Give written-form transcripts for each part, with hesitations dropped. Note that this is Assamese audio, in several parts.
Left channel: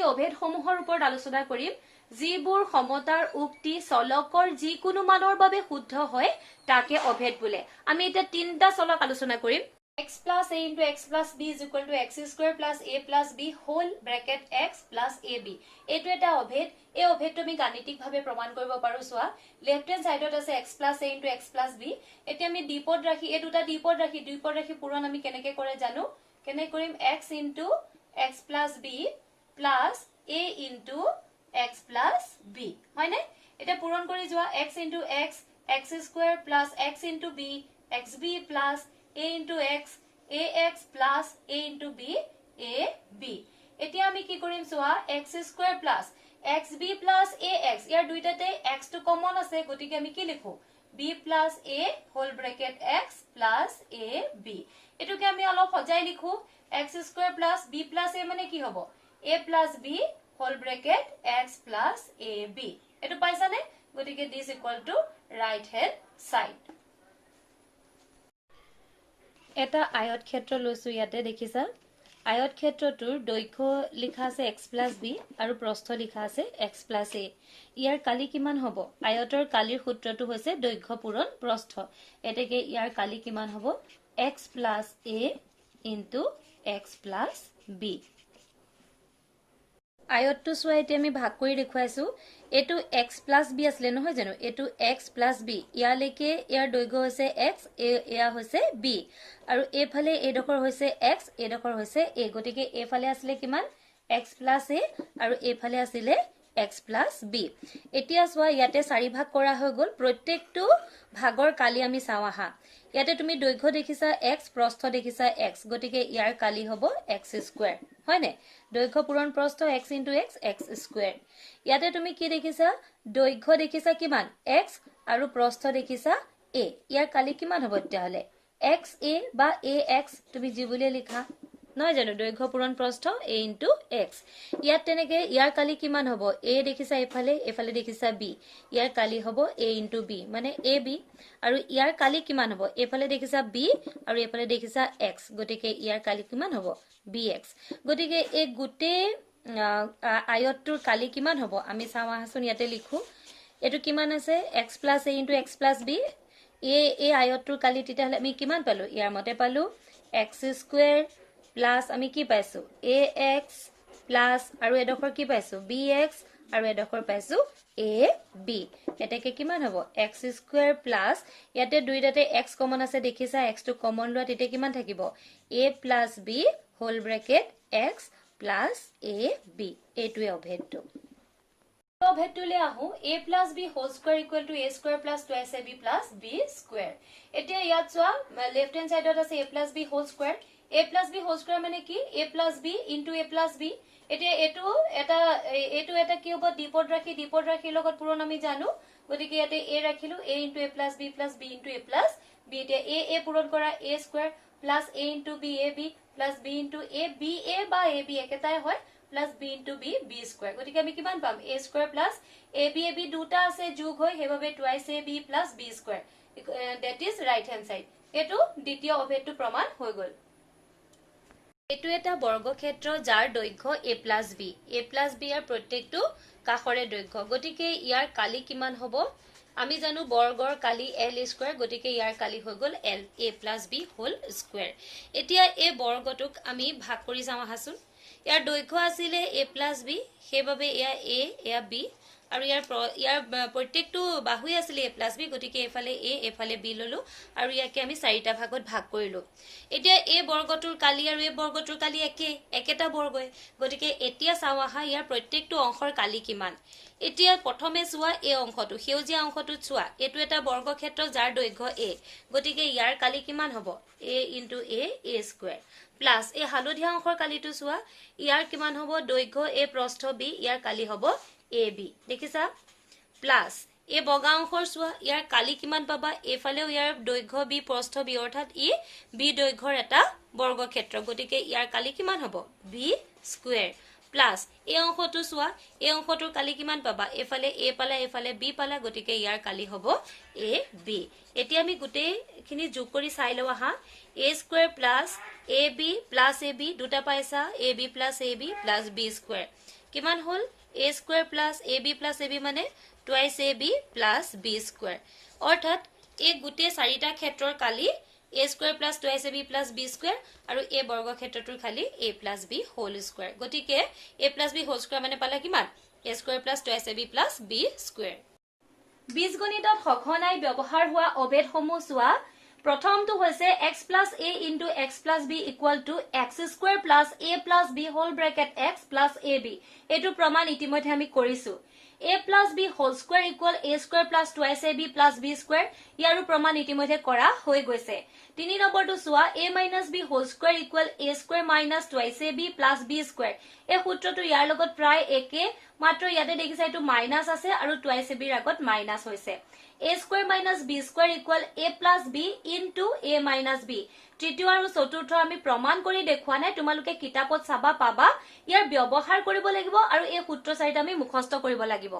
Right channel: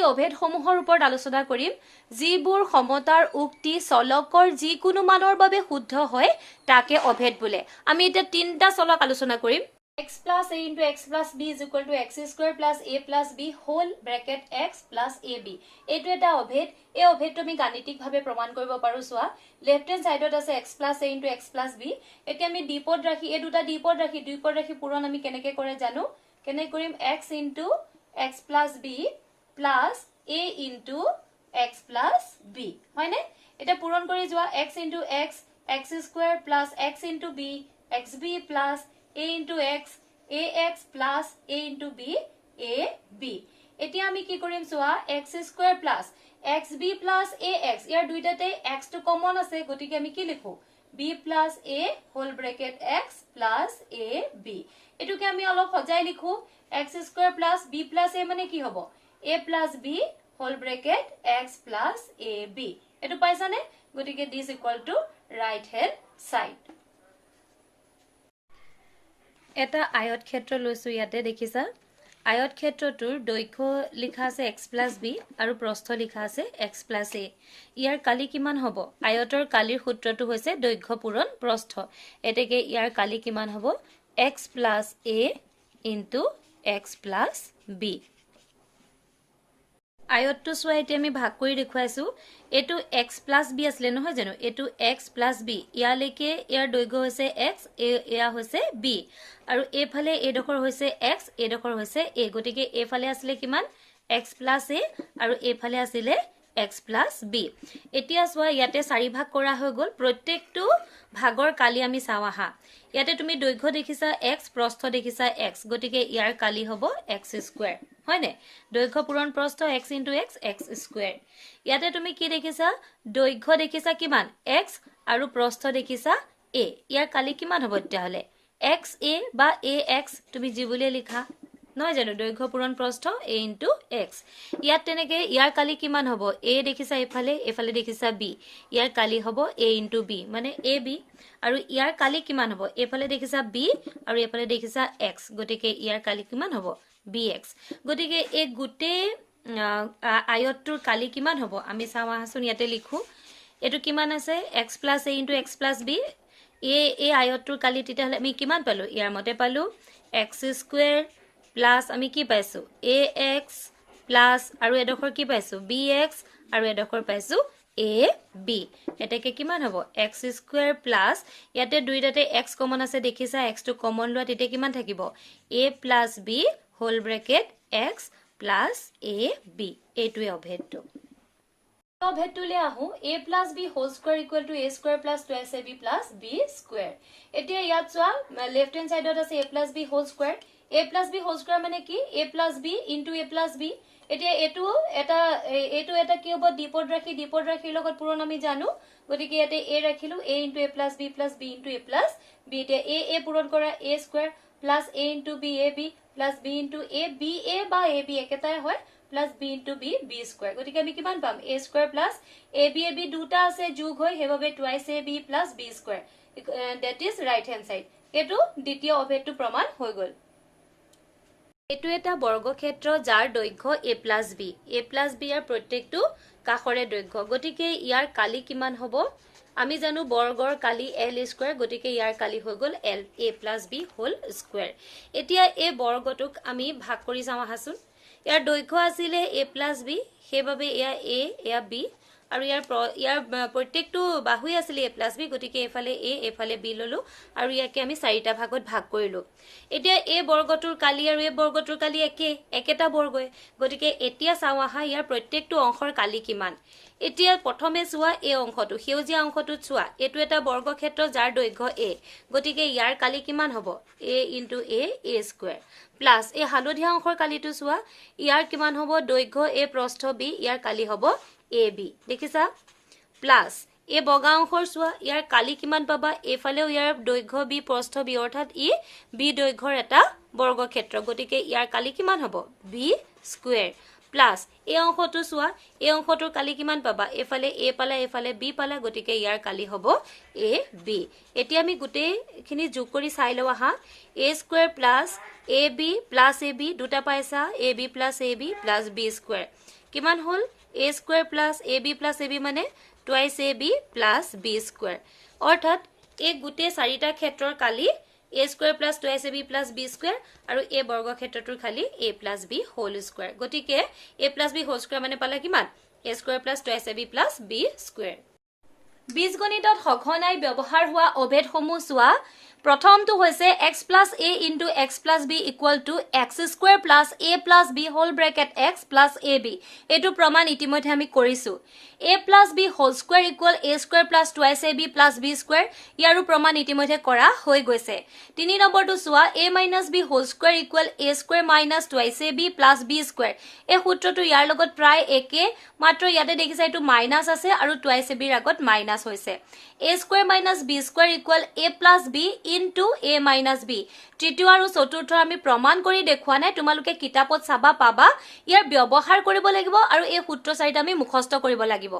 আজি অভেদসমূহৰ ওপৰত আলোচনা কৰিম যিবোৰ সমতাৰ উক্তি চলকৰ যিকোনো মানৰ বাবে শুদ্ধ হয় তাকে অভেদ বোলে আমি এটা তিনটা চলক আলোচনা কৰিম x plus a into x plus b is equal to x square plus a plus b whole bracket x plus ab এইটো এটা অভেদ এই অভেদটো আমি গাণিতিকভাৱে প্ৰমাণ কৰিব পাৰো সোৱা লেফট হ্যান্ড সাইডত আছে x plus a into x plus b এতিয়া আমি দ্বিপদ ৰাখি এই দুটা দ্বিপদ ৰাখি পূৰণ আমি কেনেকৈ কৰে জানো কেনে কৰিম x into x plus b plus a into x plus b হয়নে এটা পূৰণ কৰি যোৱা x into x x square plus x into b xb plus a into x ax plus a into b ab এতিয়া আমি কি কৰিম সোৱা x square plus xb plus ax ইয়াৰ দুইটাতে x টো কমন আছে গতিকে আমি কি লিখো b plus a whole bracket x plus ab এটোকে আমি অলপ সজাই লিখো x square plus b plus a মানে কি হ'ব a plus b whole bracket x plus ab এটো পাইছানে গতিকে this equal to right hand side এটা আয়ত ক্ষেত্ৰ লৈছো ইয়াতে দেখিছা আয়ত ক্ষেত্ৰটোৰ দৈৰ্ঘ্য লিখা আছে x plus b আৰু প্ৰস্থ লিখা আছে x plus a ইয়াৰ কালি কিমান হ'ব আয়তৰ কালিৰ সূত্ৰটো হৈছে দৈৰ্ঘ্য পূৰণ প্ৰস্থ এতেকে ইয়াৰ কালি কিমান হ'ব x plus a into x plus b আয়তটো সোৱা এতিয়া আমি ভাগ কৰি দেখুৱাইছো এটো x plus b আসলে নহয় জানো এটো x plus b ইয়ালৈকে ইয়াৰ দৈৰ্ঘ্য হৈছে x এয়া হৈছে b আৰু এফালে এডখৰ হৈছে x এডখৰ হৈছে a গতিকে এফালে আসলে কিমান x plus a আৰু এফালে আসলে x plus b এতিয়া সোৱা ইয়াতে চাৰি ভাগ কৰা হৈ গল প্ৰত্যেকটো ভাগৰ কালি আমি চাও আহা ইয়াতে তুমি দৈৰ্ঘ্য দেখিছা x প্ৰস্থ দেখিছা x গতিকে ইয়াৰ কালি হ'ব x স্কয়াৰ হয়নে দৈৰ্ঘ্য পূৰণ প্ৰস্থ x into x x square ইয়াতে তুমি কি দেখিছা দৈৰ্ঘ্য দেখিছা কিমান x আৰু প্ৰস্থ দেখিছা a ইয়াৰ কালি কিমান হ'ব তেতিয়াহলে x a বা ax তুমি জিবুলে লিখা নহয় জানো দৈৰ্ঘ্য পূৰণ প্ৰস্থ a into x ইয়াত তেনেকে ইয়াৰ কালি কিমান হ'ব a দেখিছা এফালে দেখিছা b ইয়াৰ কালি হ'ব a into b মানে ab আৰু ইয়াৰ কালি কিমান হ'ব এফালে দেখিছা b আৰু এফালে দেখিছা x গতিকে ইয়াৰ কালি কিমান হ'ব bx গতিকে এই গুটে আয়তটোৰ কালি কিমান হ'ব আমি চাও আহাচোন ইয়াতে লিখো এটো কিমান আছে x plus a into x plus b এই আয়তটোৰ কালি তেতিয়াহলে আমি কিমান পালো ইয়াৰ মতে পালো x square plus আমি কি পাইছো ax plus আৰু এডখৰ কি পাইছো bx আৰু এডখৰ পাইছো ab এটাকে কিমান হ'ব x square plus ইয়াতে দুইটাতে x কমন আছে দেখিছা x টো কমন লোৱা তেতিয়া কিমান থাকিব a plus b whole bracket x plus ab এইটোৱে অভেদটো অভেদটোলে আহো a plus b whole square equal to a square plus twice ab plus b square এতিয়া ইয়াত চোৱা লেফট হ্যান্ড সাইডত আছে a plus b whole square a plus b whole square মানে কি a plus b into a plus b এতিয়া এটো এটা কি হ'ব দ্বিপদ ৰাখি লগত পূৰণ আমি জানো গতিকে ইয়াতে a ৰাখিলো a into a plus b plus b into a plus b এতিয়া a পূৰণ কৰা a square plus a into b ab plus b into a b a বা a b একেটাই হয় plus b into b b square গতিকে আমি কিমান পাম a square plus a b দুটা আছে যোগ হৈ হেববে twice a b plus b square that is right hand side এটো দ্বিতীয় অভেদটো প্ৰমাণ হৈ গল এটো এটা বৰ্গক্ষেত্ৰ যাৰ দৈৰ্ঘ্য a plus b ইয়াৰ প্ৰত্যেকটো কাষৰে দৈৰ্ঘ্য গতিকে ইয়াৰ কালি কিমান হ'ব আমি জানো বৰ্গৰ কালি l স্কয়াৰ গতিকে ইয়াৰ কালি হৈ গল l a plus b whole square এতিয়া এই বৰ্গটোক আমি ভাগ কৰি যাম আহাচোন ইয়াৰ দৈৰ্ঘ্য আছিল a plus b হেবাবে এয়া a এয়া b আৰু ইয়াৰ প্ৰত্যেকটো বাহুই আছিল a plus b গতিকে এফালে a এফালে b ললো আৰু ইয়াকে আমি চাৰিটা ভাগত ভাগ কৰিলো এতিয়া a বৰ্গটোৰ কালি আৰু a বৰ্গটোৰ কালি একেটা বৰ্গই গতিকে এতিয়া চাও আহা ইয়াৰ প্ৰত্যেকটো অংশৰ কালি কিমান এতিয়া প্ৰথমে চোৱা এই অংশটো সেউজীয়া অংশটো চোৱা এটো এটা বৰ্গক্ষেত্ৰ যাৰ দৈৰ্ঘ্য a গতিকে ইয়াৰ কালি কিমান হ'ব a into a square plus এই হালধীয়া অংশৰ কালিটো চোৱা ইয়াৰ কিমান হ'ব দৈৰ্ঘ্য a প্ৰস্থ b ইয়াৰ কালি হ'ব ab দেখিছা প্লাস এই বগা অংশৰ চোৱা ইয়াৰ কালি কিমান পাবা এফালেও ইয়াৰ দৈৰ্ঘ্য b প্ৰস্থ b অৰ্থাৎ ই b দৈৰ্ঘ্যৰ এটা বৰ্গক্ষেত্ৰ গতিকে ইয়াৰ কালি কিমান হ'ব b স্কয়াৰ প্লাস এই অংশটো চোৱা এই অংশটোৰ কালি কিমান পাবা এফালে a পালা এফালে b পালা গতিকে ইয়াৰ কালি হ'ব a b এতিয়া আমি গুটেখিনি যোগ কৰি চাই লও আহা a square plus ab plus ab দুটা পাইছা ab plus ab plus b square কিমান হল a square plus ab plus ab মানে twice ab plus b square অৰ্থাৎ এই গুটে চাৰিটা ক্ষেত্ৰৰ কালি a square plus twice ab plus b square আৰু a বৰ্গ ক্ষেত্ৰটোৰ খালি a plus b whole square গতিকে a plus b whole square মানে পালা কিমান a square plus twice ab plus b square বীজগণিতত সঘনাই ব্যৱহাৰ হোৱা অভেদসমূহ চোৱা প্ৰথমটো হৈছে x plus a into x plus b equal to x square plus a plus b whole bracket x plus ab এটো প্ৰমাণ ইতিমধ্যে আমি কৰিছো a plus b whole square equal a square plus twice ab plus b square ইয়াৰো প্ৰমাণ ইতিমধ্যে কৰা হৈ গৈছে 3 নম্বৰটো চোৱা a minus b whole square equal a square minus twice ab plus b square এই সূত্ৰটো ইয়াৰ লগত প্ৰায় একে মাত্ৰ ইয়াতে দেখিছা এটো মাইনাস আছে আৰু twice ab ৰ আগত মাইনাস হৈছে a square minus b square equal a plus b into a minus b তৃতীয় আৰু চতুৰ্থ আমি প্ৰমাণ কৰি দেখুৱা নাই তোমালোকে কিতাপত চাবা পাবা ইয়াৰ ব্যৱহাৰ কৰিব লাগিব আৰু এই সূত্ৰ চাৰিটা আমি মুখস্থ কৰিব লাগিব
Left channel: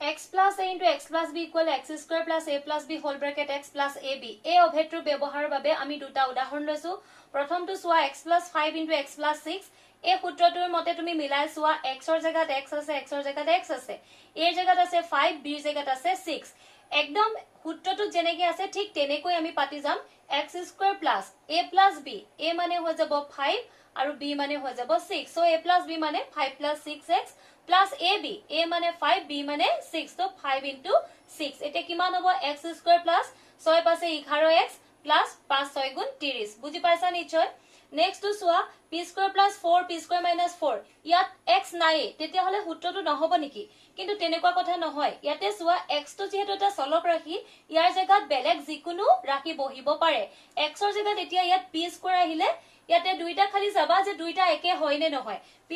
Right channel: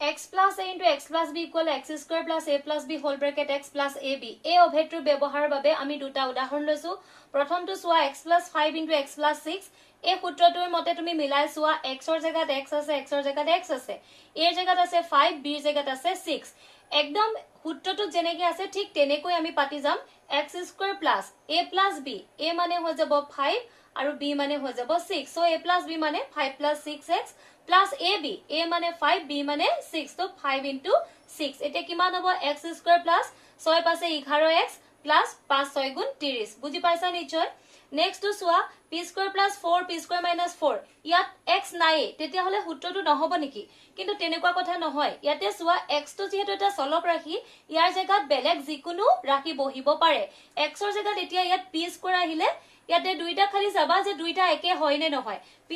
x plus a into x plus b equal x square plus a plus b whole bracket x plus ab এই অভেদটোৰ ব্যৱহাৰৰ বাবে আমি দুটা উদাহৰণ লৈছো প্ৰথমটো চোৱা x plus 5 into x plus 6 এই সূত্ৰটোৰ মতে তুমি মিলাই চোৱা x ৰ জাগাত x আছে x ৰ জাগাত x আছে a ৰ জাগাত আছে 5 b ৰ জাগাত আছে 6 একদম সূত্ৰটো যেনেকৈ আছে ঠিক তেনেকৈ আমি পাতি যাম x square plus a plus b a মানে হৈ যাব 5 আৰু b মানে হৈ যাব 6 so a plus b মানে 5 plus 6x plus ab a মানে 5 b মানে 6 so 5 into 6 এটা কিমান হ'ব x square plus 6 পাছে 11x plus 5 6 গুণ 30 বুজি পাইছা নিশ্চয় নেক্সট টু সোয়া p square plus 4 p square minus 4 ইয়াত x নাই তেতিয়া হলে সূত্ৰটো নহব নেকি কিন্তু তেনেকুৱা কথা নহয় ইয়াতে সোয়া x টো যেহেতু এটা চলক ৰাখি ইয়াৰ জায়গাত বেলেগ যিকোনো ৰাখি বহিব পাৰে x ৰ জায়গাত এতিয়া ইয়াত p square আহিলে ইয়াতে দুইটা খালি চাবা যে দুইটা একে হয় নে নহয় p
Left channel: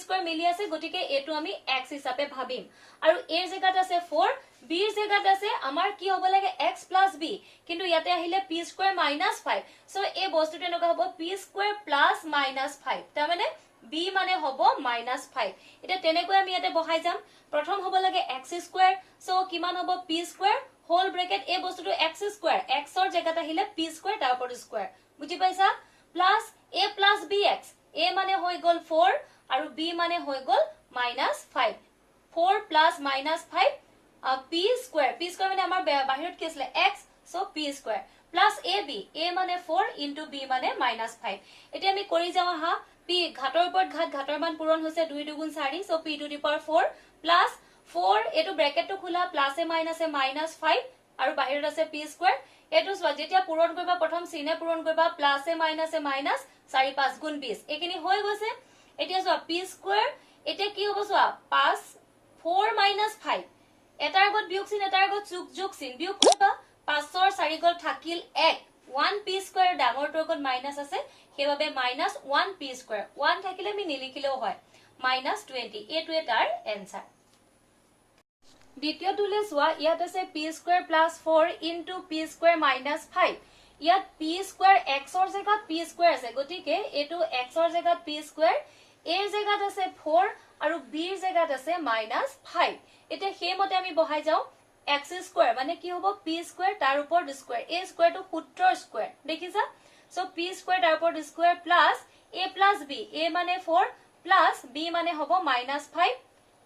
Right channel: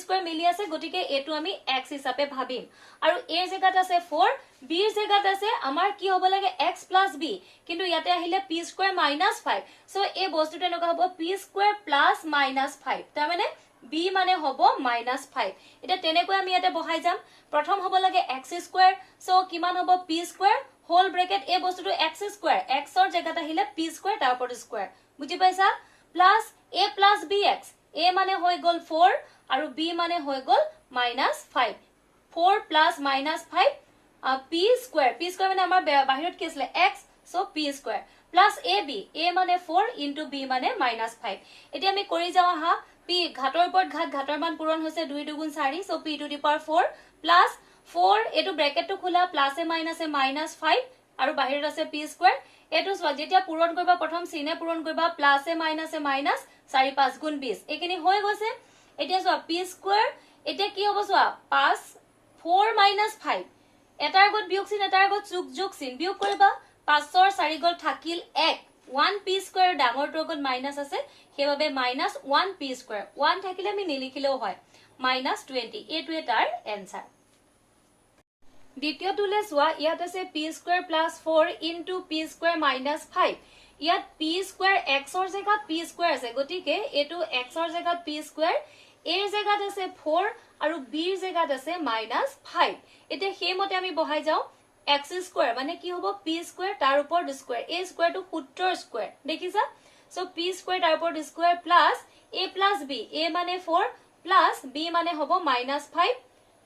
square মিলি আছে গটিকে এটো আমি x হিচাপে ভাবিম আৰু a ৰ জায়গাত আছে 4 b ৰ জায়গাত আছে আমাৰ কি হ'ব লাগে x plus b কিন্তু ইয়াতে আহিলে p square minus 5 সো এই বস্তুটো এনেকুৱা হ'ব p square plus minus 5 তাৰ মানে b মানে হ'ব minus 5 এটা তেনেকৈ আমি ইয়াতে বহাই যাম প্ৰথম হ'ব লাগে x square সো কিমান হ'ব p square হোল ব্ৰেকেট এই বস্তুটো x square x ৰ জায়গাত আহিলে p square তাৰ ওপৰত স্কয়াৰ বুজি পাইছা plus a plus bx a মানে হৈ গল 4 আৰু b মানে হৈ গল minus 5 4 plus minus 5 p square মানে আমাৰ বাহিৰত কি আছিল x so p square plus ab a মানে 4 into b মানে minus 5 এতিয়া আমি কৰি যাও হা p ঘাটৰ ওপৰত ঘাটৰ মান পূৰণ হৈছে 2 2 4 so p to the power 4 plus 4 এটো ব্ৰেকেটটো খোলা প্লাস এ minus 5 আৰু বাহিৰত আছে p square এটো যেতিয়া পূৰণ কৰিবা প্ৰথম চিনে পূৰণ কৰিবা প্লাস এ minus 4 5 গুণ 20 এখিনি হৈ গৈছে এতিয়া চোৱা p square এতিয়া কি হ'ব চোৱা 5 4 minus 5 এটাৰ আগত বিয়োগ চিন এটাৰ আগত যোগ চিন বিয়োগ কৰিবা 5 ৰ 4 গল থাকিল 1 1 p square ডাঙৰটোৰ আগত মাইনাস আছে হেবাবে minus 1 p square 1 থাকিলে আমি নিলিখিলেও হয় minus 20 এটো এটাৰ এনসাৰ দ্বিতীয়টোলে সোয়া ইয়াত আছে p square plus 4 into p square minus 5 ইয়াত p square x ৰ জায়গাত p square আছে গটিকে এটো x ৰ জায়গাত p square a ৰ জায়গাত আছে 4 আৰু b ৰ জায়গাত আছে minus 5 এতে হেমতে আমি বহাই যাও x square মানে কি হ'ব p square তাৰ ওপৰত স্কয়াৰ a square টো সূত্ৰৰ স্কয়াৰ দেখিছা সো p square তাৰ ওপৰত square plus a plus b a মানে 4 plus b মানে হ'ব minus 5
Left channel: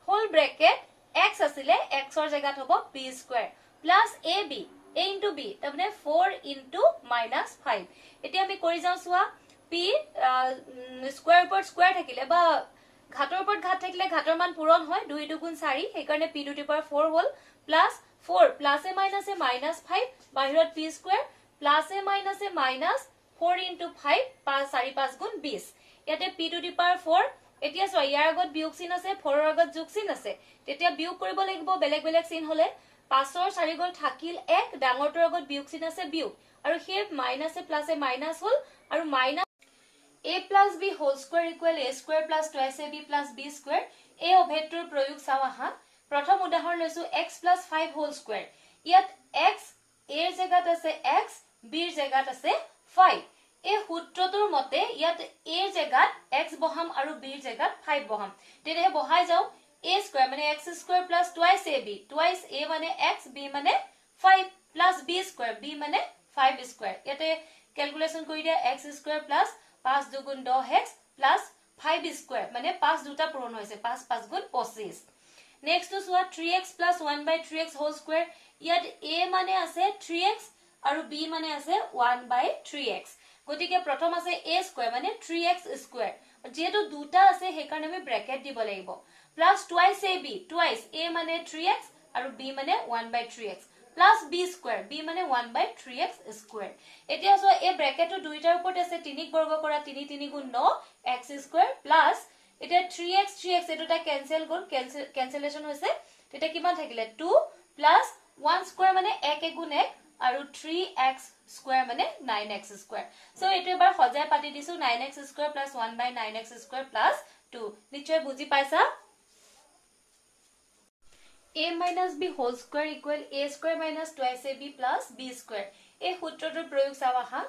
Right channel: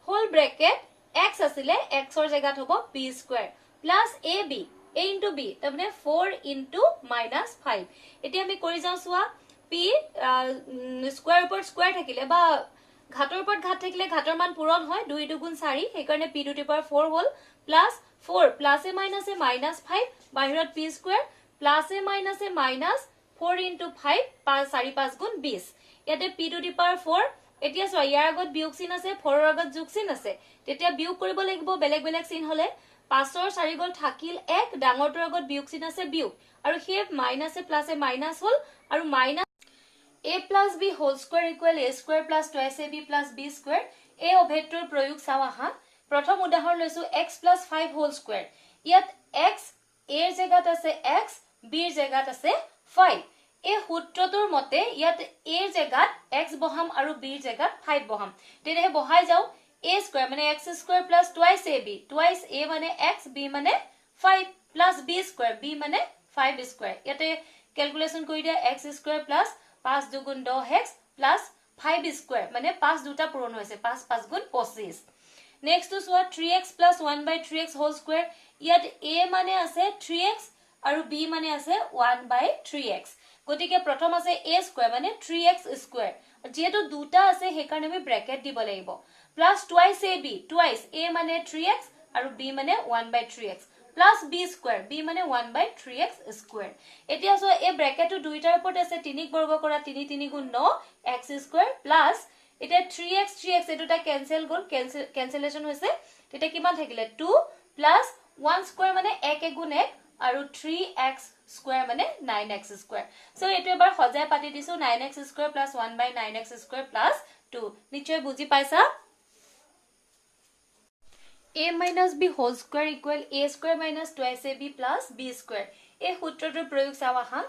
হোল ব্ৰেকেট x আসিলে x ৰ জায়গাত হ'ব p square plus ab a into b তাৰমানে 4 into minus 5 এতিয়া আমি কৰি যাও সোয়া p স্কয়াৰ ওপৰত স্কয়াৰ থাকিলে বা ঘাটৰ ওপৰত ঘাট থাকিলে ঘাটৰ মান পূৰণ হয় 2 2 গুণ 4 সেই কাৰণে p to the power 4 hall plus 4 plus a minus 5 বাহিৰত p square plus a minus 4 into 5 4 5 গুণ 20 ইয়াতে p to the power 4 এতিয়া চোৱা ইয়াৰ আগত বিয়োগ চিন আছে 4 ৰ আগত যোগ চিন আছে তেতিয়া বিয়োগ কৰিব লাগিব বেলেগ বেলেগ চিন হলে 5 ৰ 4 গল থাকিল 1 ডাঙৰটোৰ আগত বিয়োগ চিন আছে বিয়োগ আৰু হে মাইনাস এ প্লাস এ মাইনাস হল আৰু minus a plus b whole square equal a square plus twice ab plus b square এই অভেদটোৰ প্ৰয়োগ চাও আহা প্ৰথম উদাহৰণ লৈছো x plus 5 whole square ইয়াত x a ৰ জায়গাত আছে x b ৰ জায়গাত আছে 5 এই সূত্ৰটোৰ মতে ইয়াত a ৰ জায়গাত x বহাম আৰু b ৰ জায়গাত 5 বহাম তেনে বহাই যাও a square মানে x square plus twice ab twice a মানে x b মানে 5 plus b square b মানে 5 square ইয়াতে ক্যালকুলেশন কৰি দিয়া x square plus 5 2 10x plus 5 square মানে 5 দুটা পূৰণ হৈছে 5 5 গুণ 25 next two সোৱা 3x plus 1 by 3x whole square ইয়াত a মানে আছে 3x আৰু b মানে আছে 1 by 3x গতিকে প্ৰথম আছে a স্কয়াৰ মানে 3x স্কয়াৰ যেহেতু দুটা আছে সেই কাৰণে আমি ব্ৰ্যাকেট দিব লাগিব plus twice ab twice a মানে 3x আৰু b মানে 1 by 3x plus b square b মানে 1 by 3x square এতিয়া সো এই ব্র্যাকেটটো দুইটাৰ ওপৰত আছে 3 বৰ্গ কৰা 3 3 গুণ 9 x square plus এতিয়া 3x 3x এটোটা ক্যান্সেল গল ক্যান্সেলেশন হৈছে তেতিয়া কিমান থাকিলে 2 plus 1 square মানে 1 গুণ 1 আৰু 3x square মানে 9x square সো এটো এবাৰ সজাই পাতি দিছো 9x square plus 1 by 9x square plus 2 নিশ্চয় বুজি পাইছা a minus b whole square equal a square minus twice ab plus b square এই সূত্ৰটোৰ প্ৰয়োগ চাও আহা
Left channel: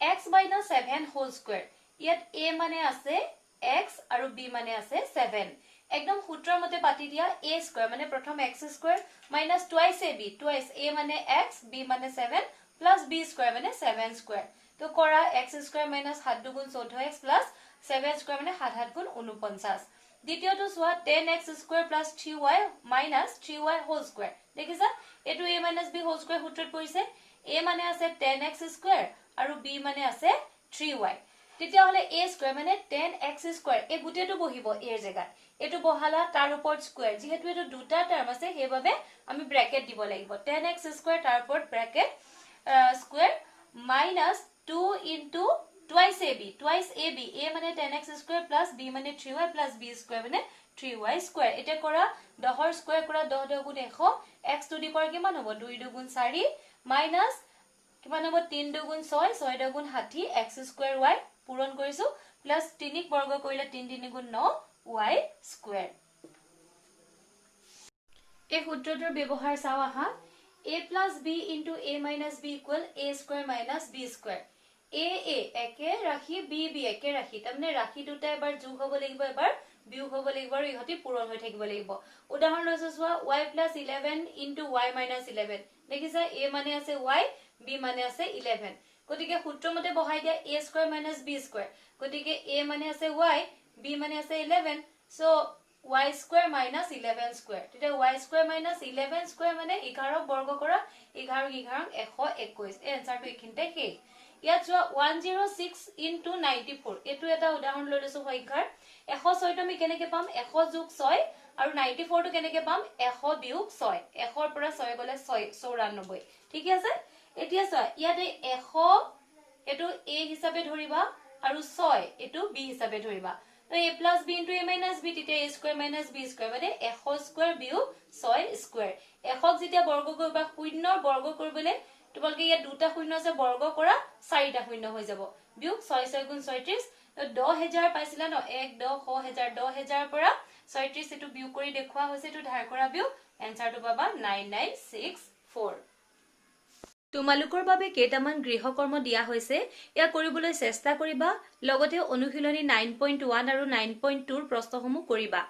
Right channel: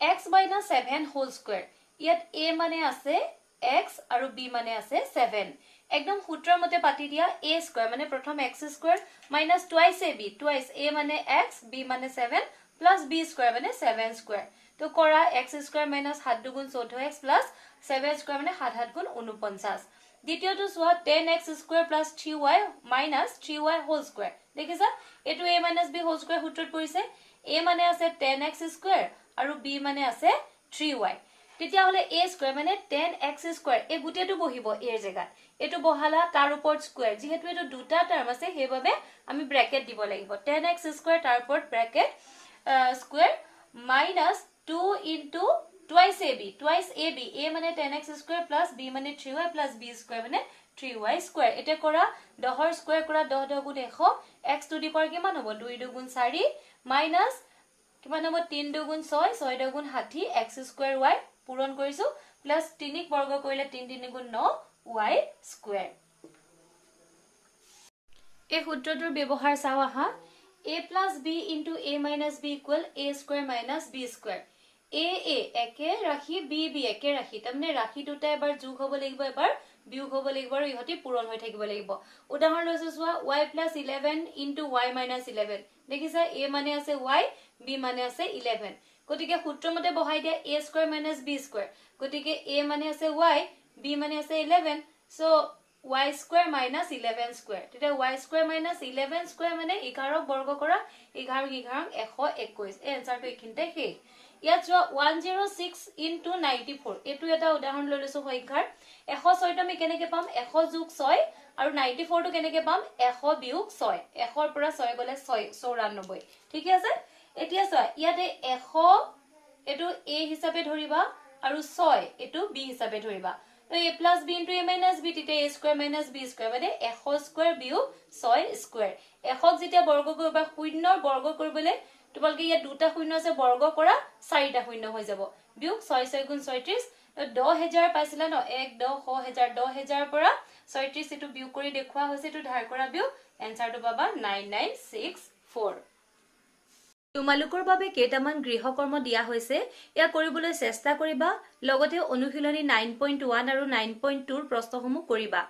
x minus 7 whole square ইয়াত a মানে আছে x আৰু b মানে আছে 7 একদম সূত্ৰৰ মতে পাতি দিয়া a square মানে প্ৰথম x square minus twice ab twice a মানে x b মানে 7 plus b square মানে 7 square তো কৰা x square minus 7 গুণ 14x plus 7 square মানে 7 7 গুণ 49 দ্বিতীয়টো সোৱা 10x square plus 3y minus 3y whole square দেখিছা এটো a minus b whole square সূত্ৰত পৰিছে a মানে আছে 10x square আৰু b মানে আছে 3y তেতিয়া হলে a square মানে 10x square এই গুটেটো বহিব এৰ জায়গাত এটো বহালা তাৰ ওপৰত স্কয়াৰ যেহেতু এটো দুটা টাৰ্ম আছে হেইভাবে আমি ব্ৰ্যাকেট দিব লাগিব 10x square তাৰ ওপৰত bracket square minus 2 into twice ab a মানে 10x square plus b মানে 3y plus b square মানে 3y square এটা কৰা 10 ৰ স্কয়াৰ কৰা 10 10 গুণ 100 x টু দি পাৱাৰ কিমান হ'ব 2 2 গুণ 4 minus কিমান হ'ব 3 2 গুণ 6 6 2 গুণ 60 x square y পূৰণ কৰিছো প্লাস 3 ক বৰ্গ কৰিলে 3 3 গুণ 9 y square এই সূত্ৰটোৰ ব্যৱহাৰ চাও আহা a plus b into a minus b equal a square minus b square a একে ৰাখি b একে ৰাখি তাৰমানে ৰাখি দুটা এবাৰ যোগ হ'ব লাগিব এবাৰ বিয়োগ হ'ব লাগিব আৰু ইহতি পূৰণ হৈ থাকিব লাগিব উদাহৰণ লৈছো সোৱা y plus 11 into y minus 11 দেখিছা a মানে আছে y b মানে আছে 11 গতিকে সূত্ৰ মতে বহাই দিয়া a square minus b square গতিকে a মানে আছে y b মানে আছে 11 so y square minus 11 square তেতিয়া y square minus 11 square মানে 11 বৰ্গ কৰা 11 11 121 এই আনসাৰটো এখিনতে হে ইয়াত 106 into 94 এটো এটা উদাহৰণ লৈ লৈছো সংখ্যাৰ 106 টো আমি কেনেকে পাম 100 যোগ 6 আৰু 94 টো কেনেকে পাম 100 বিয়োগ 6 100 ৰ পৰা 6 গলে 94 ঠিক আছে এতিয়া চোৱা ইয়াতে 100 এটো a হিচাপে ধৰিবা আৰু 6 এটো b হিচাপে ধৰিবা তো a plus b into a minus b তেতিয়া a square minus b square মানে 100 square বিয়োগ 6 square 100 যেতিয়া বৰ্গ কৰিবা শূন্যৰ বৰ্গ কৰিবলে তোমালকে ইয়া দুটা শূন্য আছে বৰ্গ কৰা চাৰিটা শূন্য হৈ যাব বিয়োগ 6 6 গুণ 36 10000 পাইছিলা ন 1 10 1000 10000 পৰা 36 এটো বিয়োগ কৰি দেখুৱা হৈছে এটো ধাৰ কৰা বিয়োগ আনসাৰটো পাবা 9964 তোমালোকৰ বাবে কেইটামান গৃহকৰ্ম দিয়া হৈছে ইয়া কৰিবলৈ চেষ্টা কৰিবা লগতে অনুশীলনী 9.1 আৰু 9.2 ৰ প্ৰশ্নসমূহ কৰিবা